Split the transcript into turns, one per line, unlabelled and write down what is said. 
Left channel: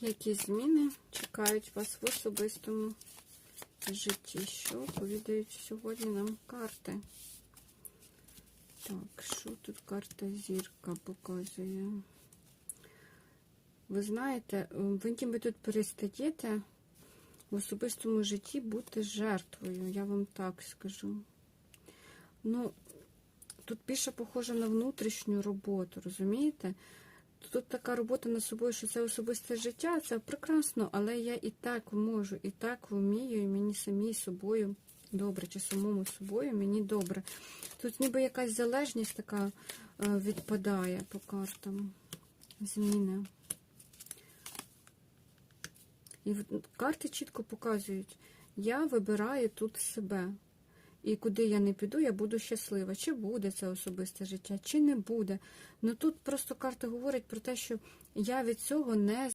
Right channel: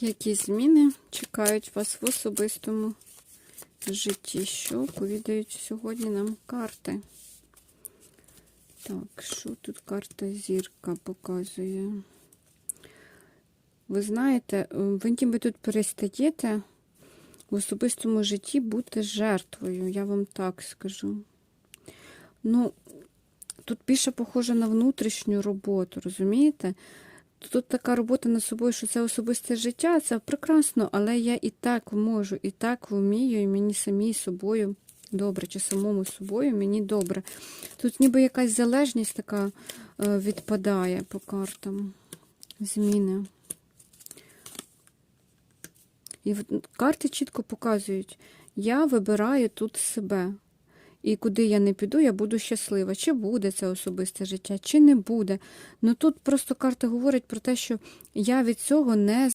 Які зміни чекають вас в особистому житті? Що повідають сьогодні нам карти? Так, що тут карта зірка показує? Ви знаєте, е, ви ніби тут перестаєте в особистому житті бути жертвою, я вам так скажу. Ну, тут більше похоже на внутрішню роботу, розумієте? Тут така робота над собою, що це особисте життя, це прекрасно, але я і так можу, і так вмію, і мені самій собою добре, чи самому собою мені добре. Тут ніби якась залежність така е, відпадає по картам. Зміни. І карти чітко показують, я вибираю тут себе. І куди я не піду, я буду щаслива. Чи буде це особисте життя, чи не буде. Ну тут просто карта говорить про те, що я від цього не